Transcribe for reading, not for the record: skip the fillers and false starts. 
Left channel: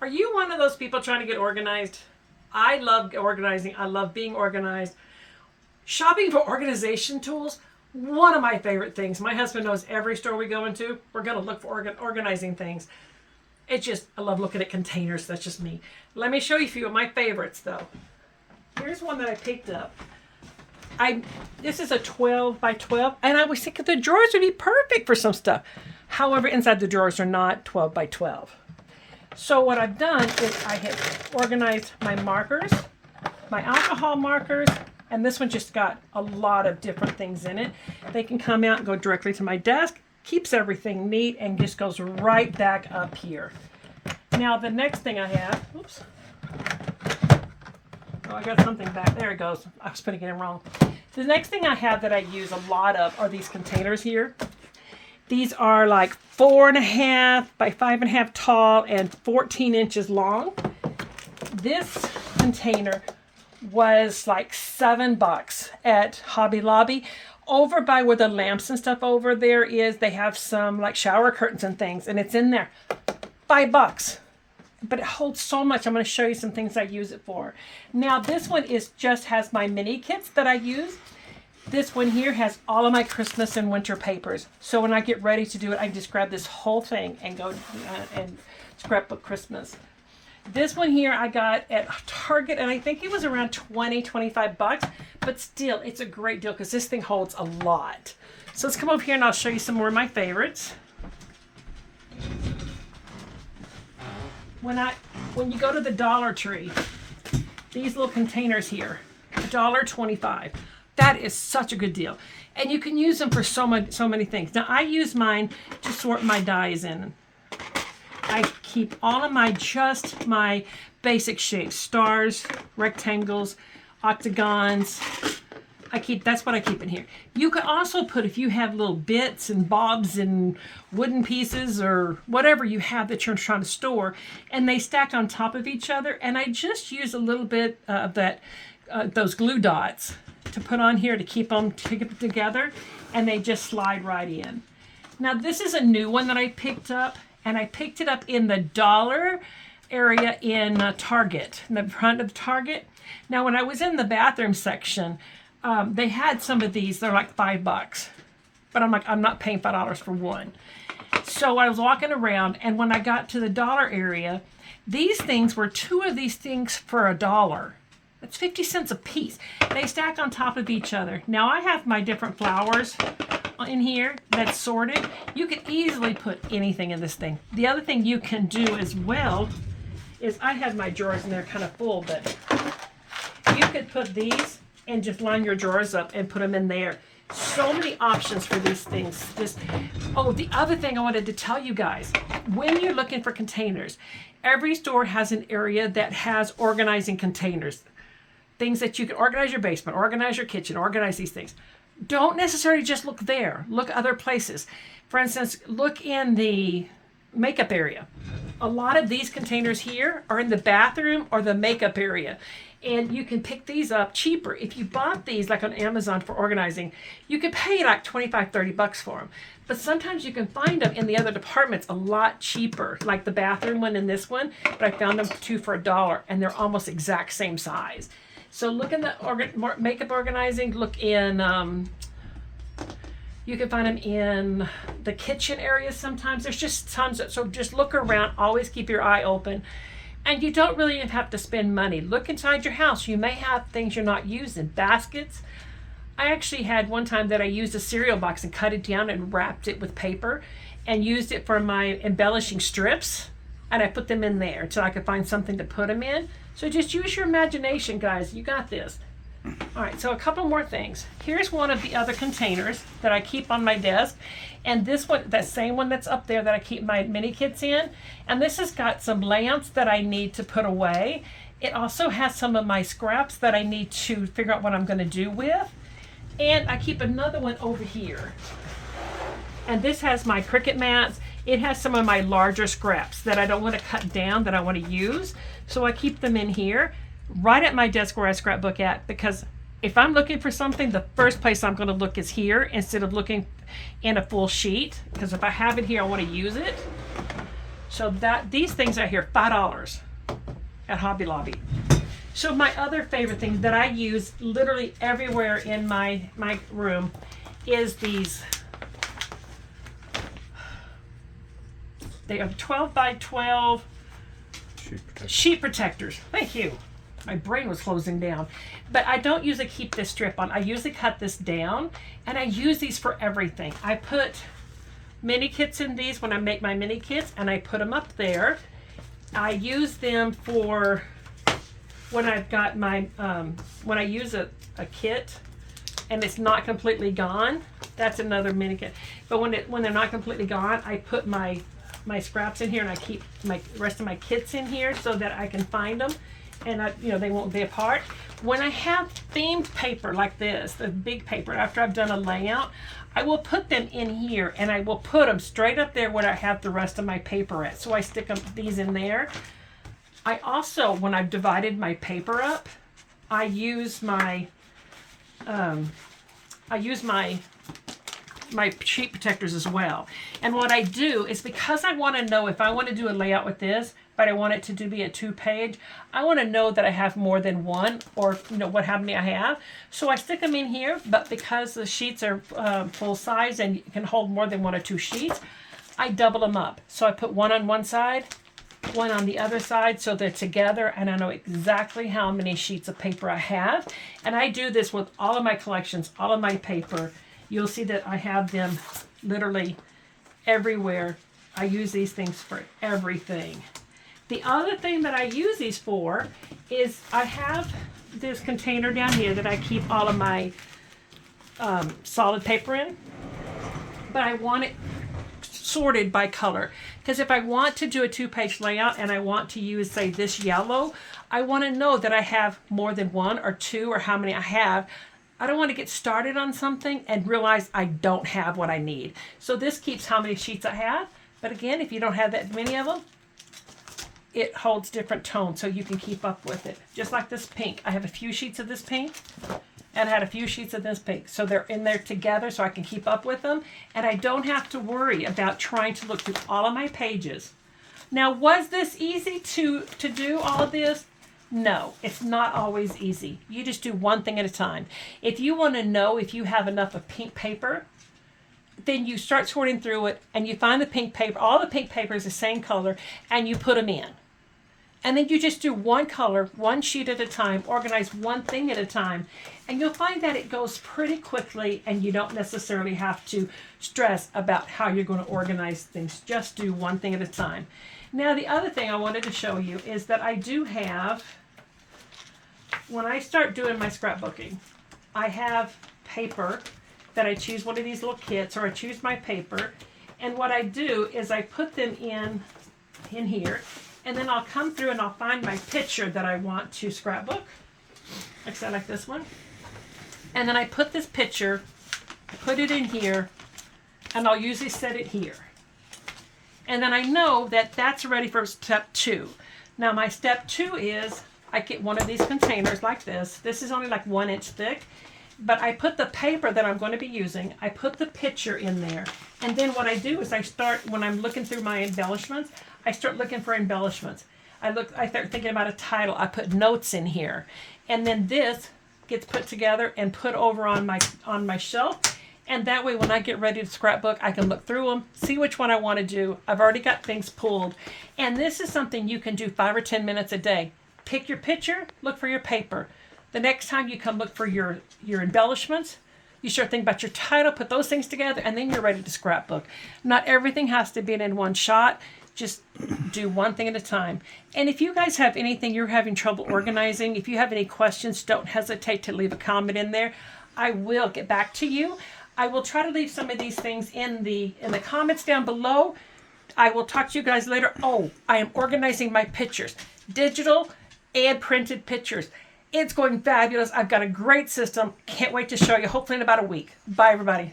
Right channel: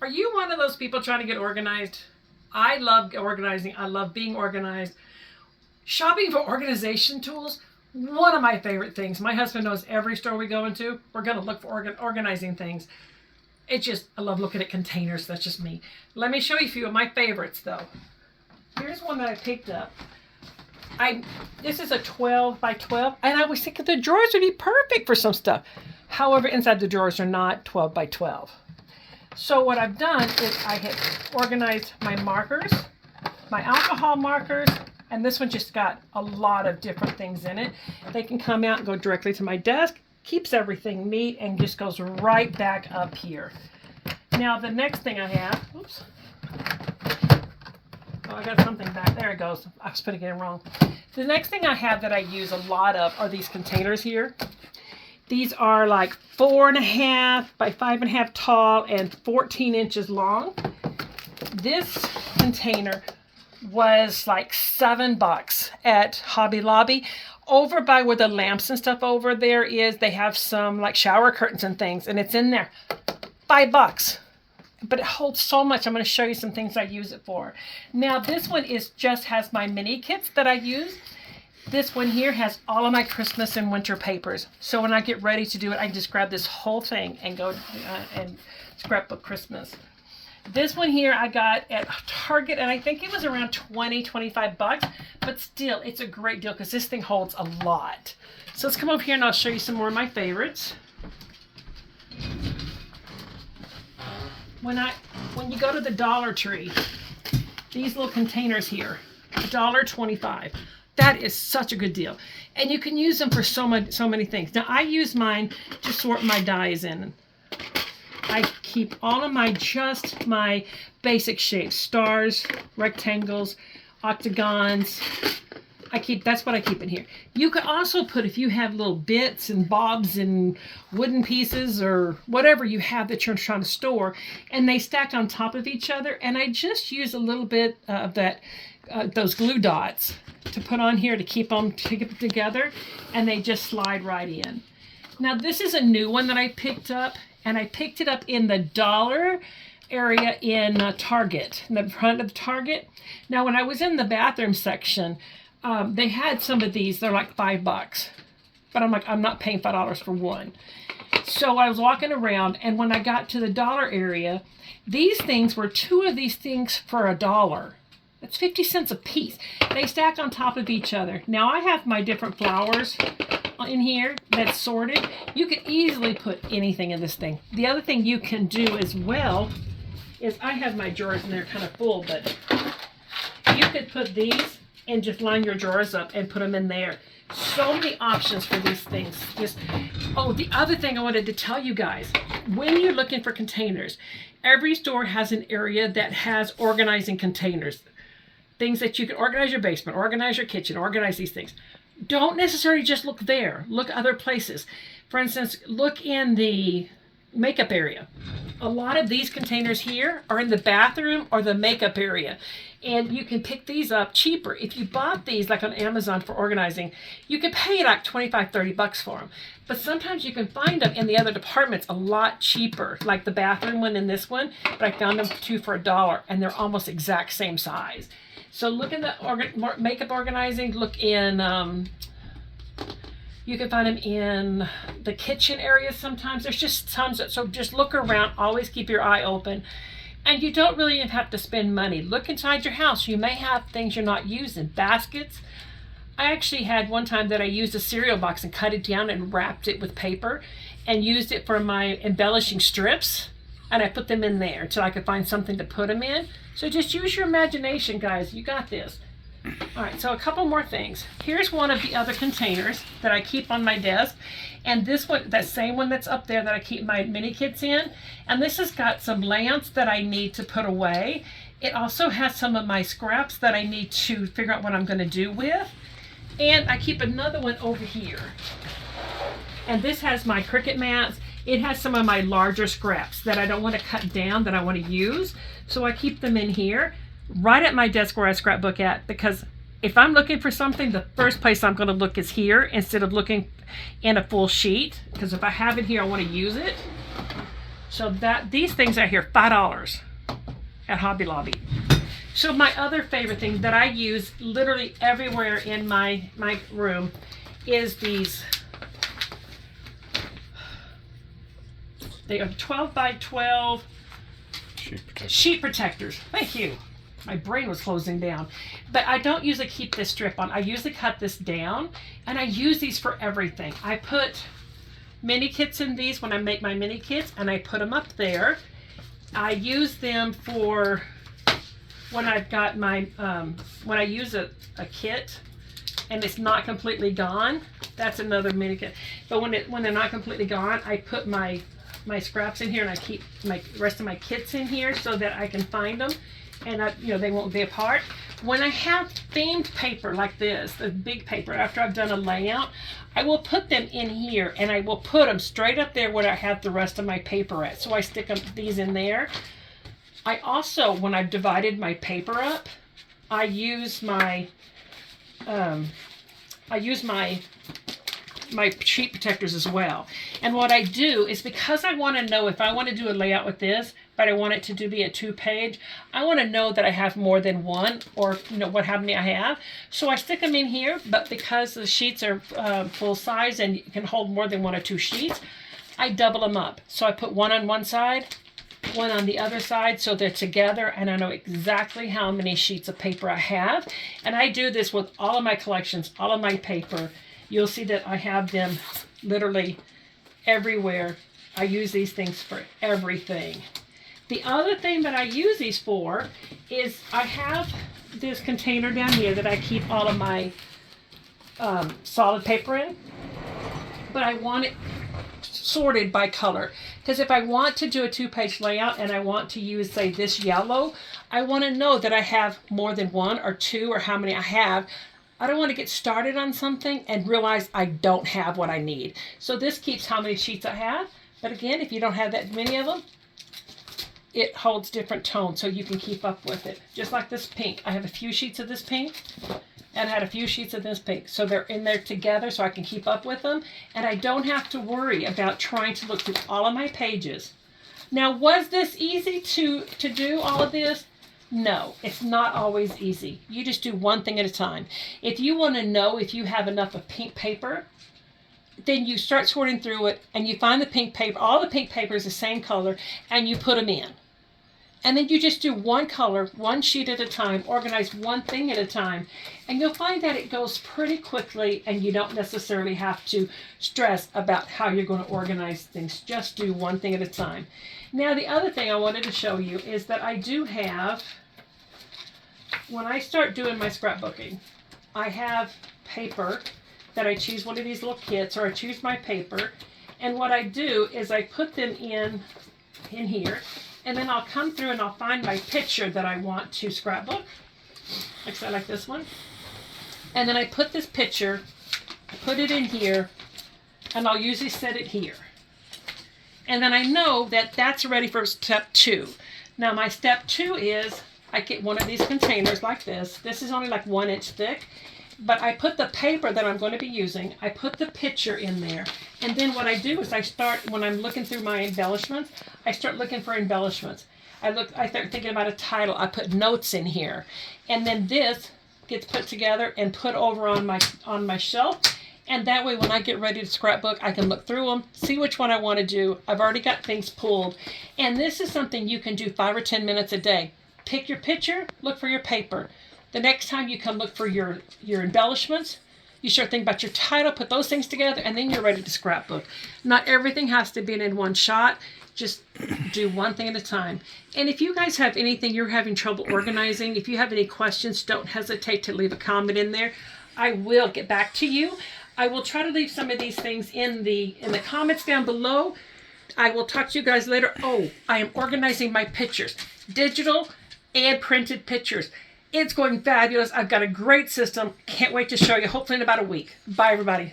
Are you one of those people trying to get organized? I love organizing. I love being organized. Shopping for organization tools, one of my favorite things. My husband knows every store we go into, we're going to look for organizing things. It's just, I love looking at containers. That's just me. Let me show you a few of my favorites though. Here's one that I picked up. This is a 12 by 12, and I was thinking the drawers would be perfect for some stuff. However, inside the drawers are not 12 by 12. So what I've done is I have organized my markers, my alcohol markers, and this one just got a lot of different things in it. They can come out and go directly to my desk, keeps everything neat, and just goes right back up here. Now the next thing I have, oops. Oh, I got something back. There it goes. I was putting it in wrong. The next thing I have that I use a lot of are these containers here. These are like 4.5 by 5.5 tall and 14 inches long. This container was like $7 at Hobby Lobby. Over by where the lamps and stuff over there is, they have some like shower curtains and things, and it's in there. $5. But it holds so much. I'm going to show you some things I use it for. Now this one just has my mini kits that I use. This one here has all of my Christmas and winter papers. So when I get ready to do it, I can just grab this whole thing and go and scrapbook Christmas. This one here I got at Target, and I think it was around $20-25, but still it's a great deal because this thing holds a lot. So let's come over here and I'll show you some more of my favorites. When you go to the Dollar Tree, these little containers here, $1.25. That is such a good deal. And you can use them for so many things. Now I use mine to sort my dies in. I keep all of my basic shapes, stars, rectangles, octagons. That's what I keep in here. You could also put, if you have little bits and bobs and wooden pieces or whatever you have that you're trying to store, and they stack on top of each other. And I just use a little bit of those glue dots to put on here to keep them together, and they just slide right in. Now this is a new one that I picked up, and I picked it up in the dollar area in Target, in the front of the Target. Now when I was in the bathroom section, they had some of these. They're like $5, but I'm like, I'm not paying $5 for one. So I was walking around, and when I got to the dollar area, these things were 2 of these things for $1. That's 50 cents a piece. They stack on top of each other. Now I have my different flowers in here that's sorted. You could easily put anything in this thing. The other thing you can do as well is I have my drawers and they're kind of full, but you could put these and just line your drawers up and put them in there. So many options for these things. The other thing I wanted to tell you guys, when you're looking for containers, every store has an area that has organizing containers. Things that you can organize your basement, organize your kitchen, organize these things. Don't necessarily just look there. Look other places. For instance, look in the makeup area. A lot of these containers here are in the bathroom or the makeup area. And you can pick these up cheaper. If you bought these like on Amazon for organizing, you could pay like $25-30 for them. But sometimes you can find them in the other departments a lot cheaper, like the bathroom one and this one. But I found them 2 for $1, and they're almost exact same size. So look in the makeup organizing, look in, you can find them in the kitchen area sometimes. There's just tons so just look around, always keep your eye open. And you don't really have to spend money. Look inside your house. You may have things you're not using. Baskets. I actually had one time that I used a cereal box and cut it down and wrapped it with paper and used it for my embellishing strips. And I put them in there until I could find something to put them in. So just use your imagination, guys. You got this. All right, so a couple more things. Here's one of the other containers that I keep on my desk. And this one, that same one that's up there that I keep my mini kits in. And this has got some lamps that I need to put away. It also has some of my scraps that I need to figure out what I'm going to do with. And I keep another one over here. And this has my Cricut mats. It has some of my larger scraps that I don't want to cut down, that I want to use. So I keep them in here, right at my desk where I scrapbook at, because if I'm looking for something, the first place I'm going to look is here instead of looking in a full sheet. Because if I have it here, I want to use it. So these things out here, $5 at Hobby Lobby. So my other favorite thing that I use literally everywhere in my room is these. They are 12 by 12 sheet protectors. Thank you. My brain was closing down. But I don't usually keep this strip on. I usually cut this down, and I use these for everything. I put mini kits in these when I make my mini kits, and I put them up there. I use them for when I've got my, when I use a kit and it's not completely gone. That's another mini kit. But when they're not completely gone, I put my scraps in here, and I keep my rest of my kits in here so that I can find them, and they won't be apart. When I have themed paper like this, the big paper, after I've done a layout, I will put them in here, and I will put them straight up there where I have the rest of my paper at. So I stick these in there. I also, when I've divided my paper up, I use my sheet protectors as well. And what I do is, because I want to know if I want to do a layout with this, but I want it to be a 2-page, I want to know that I have more than one, or how many I have. So I stick them in here, but because the sheets are full size and you can hold more than 1 or 2 sheets, I double them up. So I put one on one side, one on the other side, so they're together, and I know exactly how many sheets of paper I have. And I do this with all of my collections, all of my paper. You'll see that I have them literally everywhere. I use these things for everything. The other thing that I use these for is I have this container down here that I keep all of my solid paper in, but I want it sorted by color. Because if I want to do a 2-page layout and I want to use, say, this yellow, I want to know that I have more than 1 or 2 or how many I have. I don't want to get started on something and realize I don't have what I need. So this keeps how many sheets I have. But again, if you don't have that many of them, it holds different tones, so you can keep up with it. Just like this pink. I have a few sheets of this pink, and I had a few sheets of this pink. So they're in there together so I can keep up with them. And I don't have to worry about trying to look through all of my pages. Now, was this easy to do all of this? No, it's not always easy. You just do one thing at a time. If you want to know if you have enough of pink paper, then you start sorting through it, and you find the pink paper. All the pink paper is the same color, and you put them in. And then you just do one color, one sheet at a time, organize one thing at a time, and you'll find that it goes pretty quickly, and you don't necessarily have to stress about how you're going to organize things. Just do one thing at a time. Now, the other thing I wanted to show you is that I do have, when I start doing my scrapbooking, I have paper that I choose one of these little kits, or I choose my paper, and what I do is I put them in here, and then I'll come through and I'll find my picture that I want to scrapbook. Like this one. And then I put this picture, I put it in here, and I'll usually set it here. And then I know that that's ready for step 2. Now my step 2 is I get one of these containers like this. This is only like 1 inch thick. But I put the paper that I'm going to be using, I put the picture in there. And then what I do is I start, when I'm looking through my embellishments, I start looking for embellishments. I start thinking about a title. I put notes in here. And then this gets put together and put over on my shelf. And that way, when I get ready to scrapbook, I can look through them, see which one I want to do. I've already got things pulled. And this is something you can do 5 or 10 minutes a day. Pick your picture, look for your paper. The next time you come look for your embellishments, you start thinking about your title, put those things together, and then you're ready to scrapbook. Not everything has to be in one shot. Just do one thing at a time. And if you guys have anything you're having trouble organizing, if you have any questions, don't hesitate to leave a comment in there. I will get back to you. I will try to leave some of these things in the comments down below. I will talk to you guys later. Oh, I am organizing my pictures. Digital and printed pictures. It's going fabulous. I've got a great system. Can't wait to show you, hopefully in about a week. Bye, everybody.